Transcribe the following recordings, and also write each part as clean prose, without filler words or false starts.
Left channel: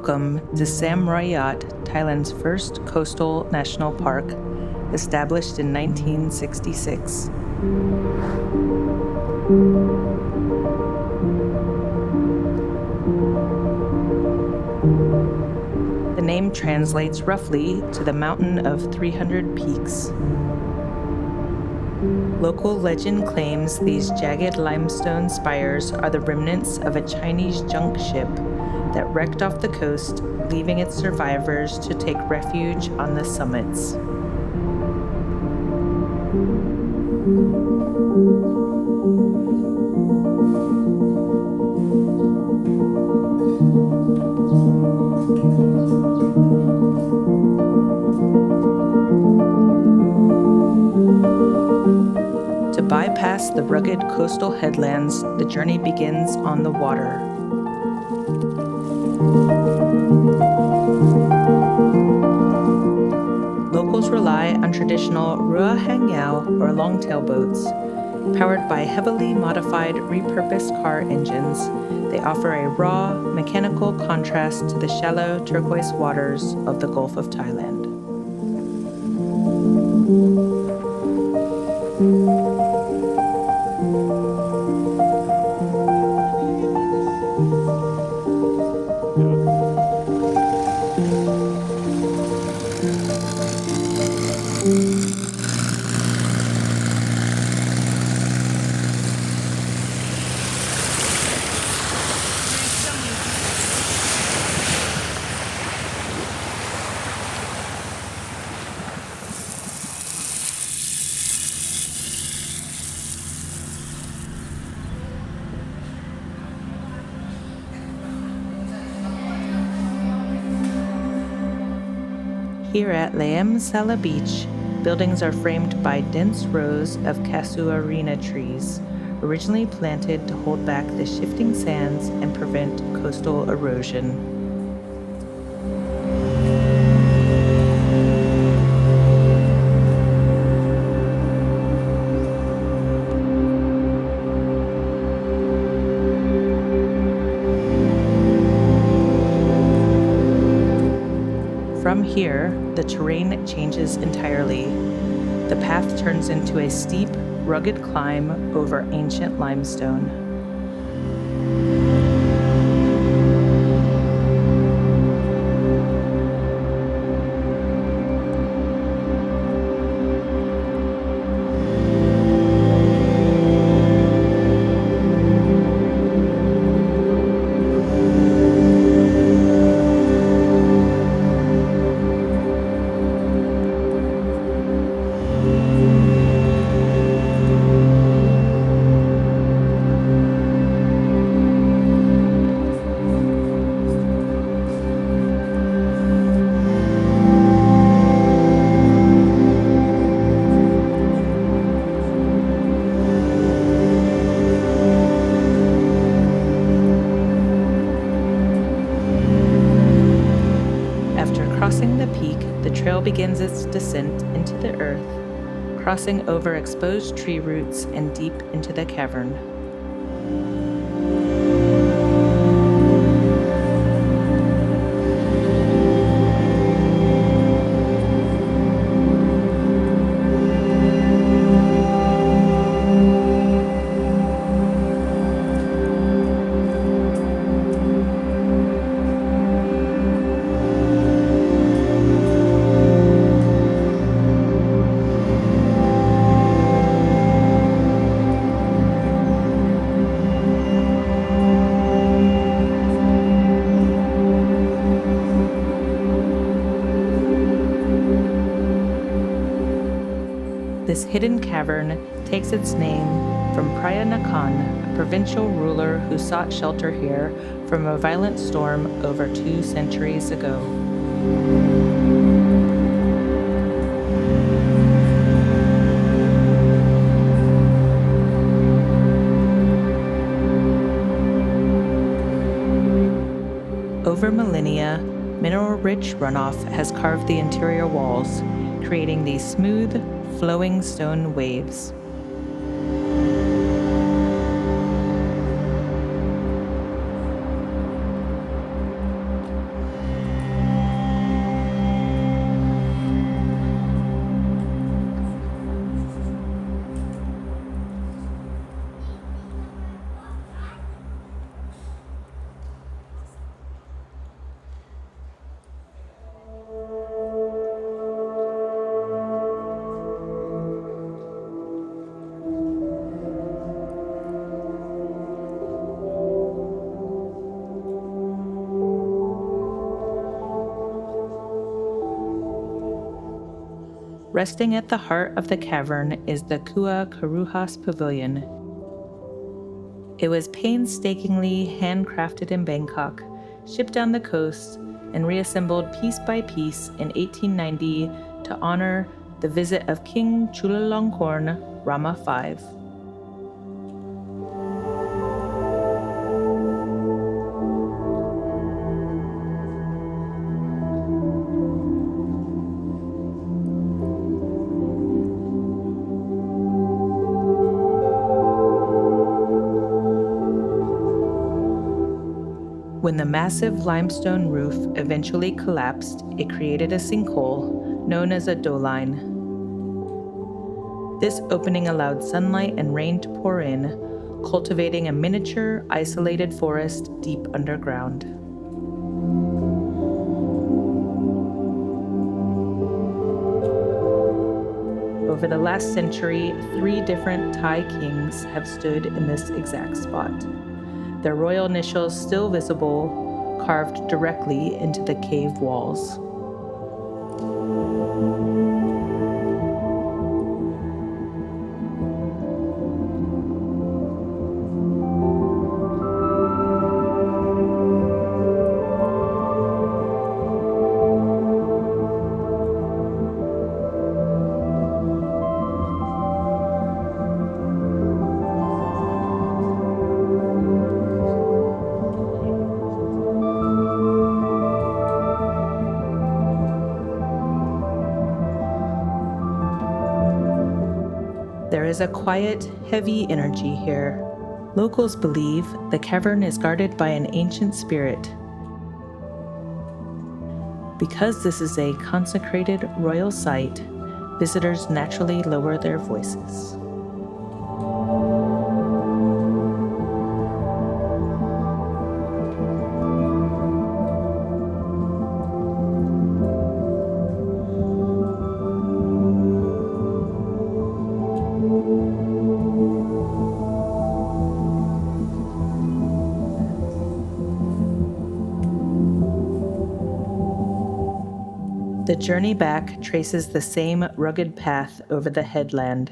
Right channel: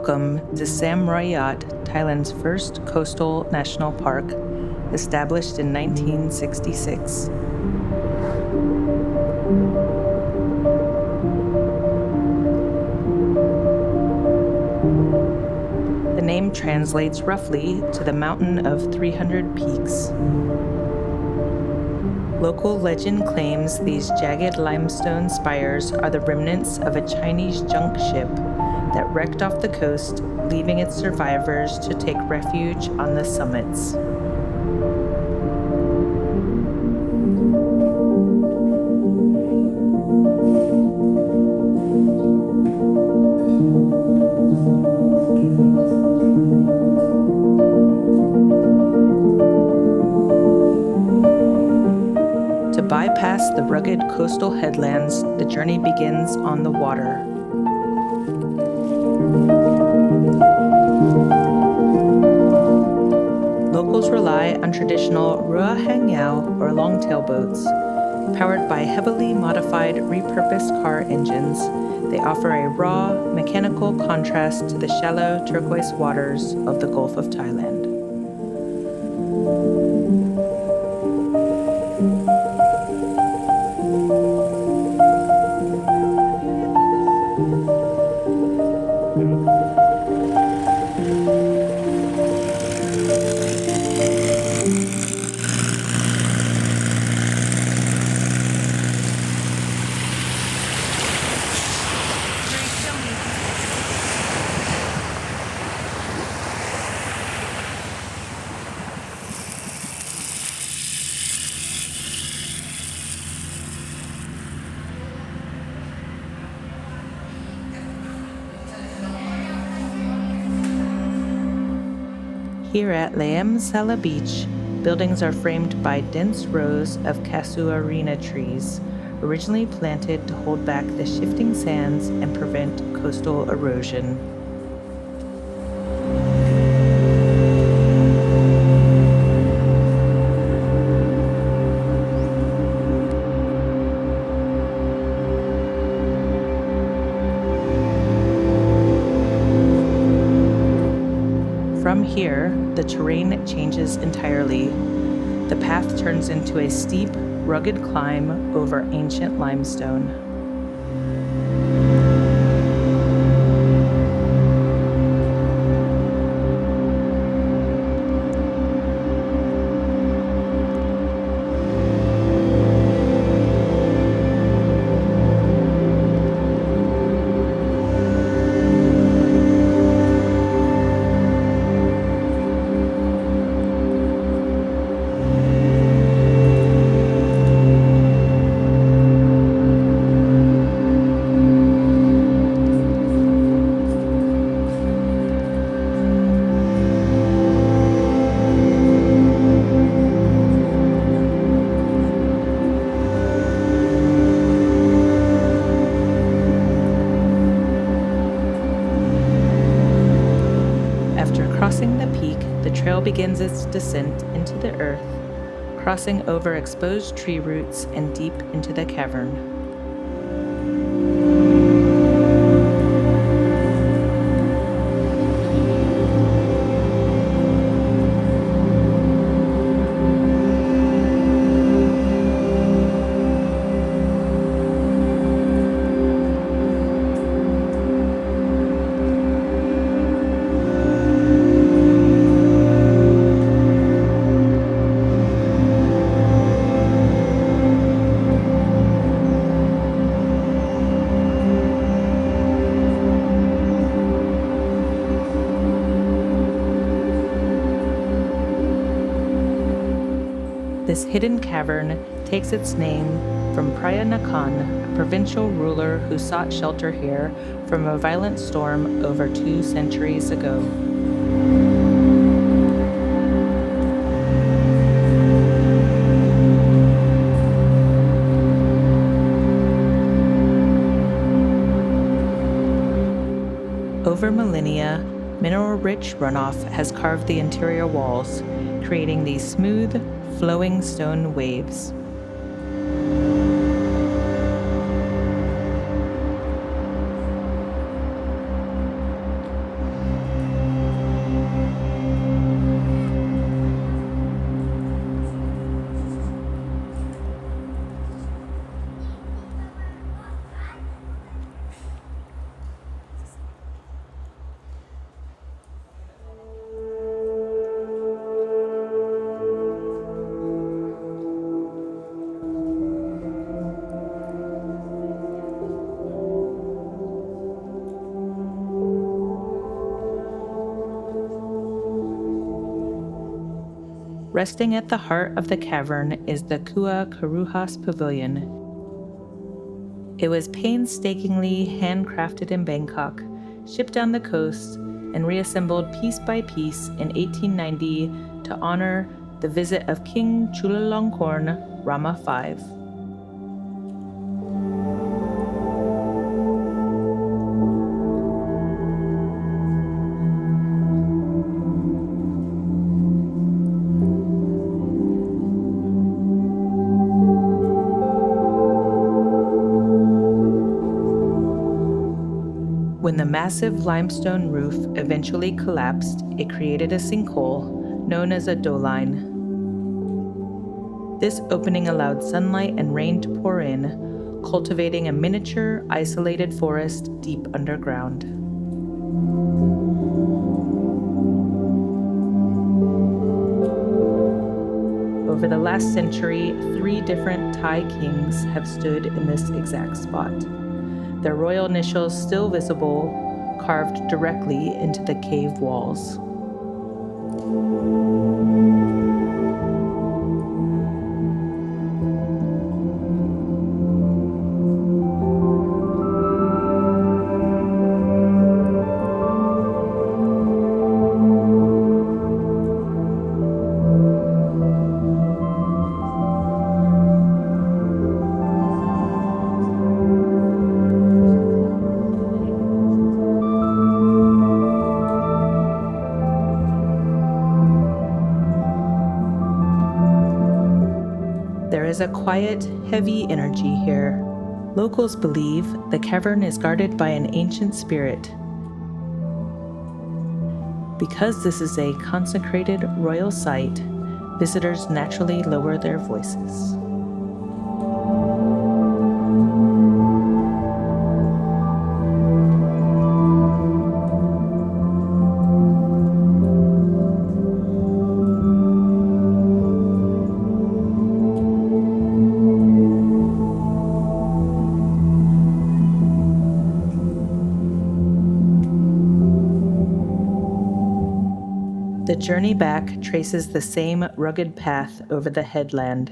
Welcome to Sam Roi Yot, Thailand's first coastal national park, established in 1966. The name translates roughly to the mountain of 300 peaks. Local legend claims these jagged limestone spires are the remnants of a Chinese junk ship that wrecked off the coast, leaving its survivors to take refuge on the summits. To bypass the rugged coastal headlands, the journey begins on the water. Locals rely on traditional rua hangyao or longtail boats. Powered by heavily modified repurposed car engines, they offer a raw, mechanical contrast to the shallow turquoise waters of the Gulf of Thailand. Here at Laem Sala Beach, buildings are framed by dense rows of casuarina trees, originally planted to hold back the shifting sands and prevent coastal erosion. From here, the terrain changes entirely. The path turns into a steep, rugged climb over ancient limestone. After crossing the peak, the trail begins its descent into the earth, crossing over exposed tree roots and deep into the cavern. This hidden cavern takes its name from Phraya Nakhon, a provincial ruler who sought shelter here from a violent storm over 2 centuries ago. Over millennia, mineral-rich runoff has carved the interior walls, creating these smooth, flowing stone waves. Resting at the heart of the cavern is the Kuha Karuhas Pavilion. It was painstakingly handcrafted in Bangkok, shipped down the coast, and reassembled piece by piece in 1890 to honor the visit of King Chulalongkorn Rama V. When the massive limestone roof eventually collapsed, it created a sinkhole known as a doline. This opening allowed sunlight and rain to pour in, cultivating a miniature, isolated forest deep underground. Over the last century, 3 different Thai kings have stood in this exact spot, their royal initials still visible, carved directly into the cave walls. There is a quiet, heavy energy here. Locals believe the cavern is guarded by an ancient spirit. Because this is a consecrated royal site, visitors naturally lower their voices. The journey back traces the same rugged path over the headland.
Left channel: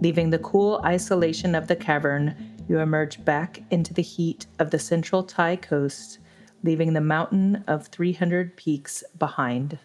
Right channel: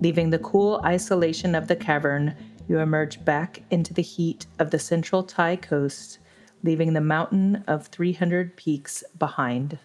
Leaving the cool isolation of the cavern, you emerge back into the heat of the central Thai coast, leaving the mountain of 300 peaks behind.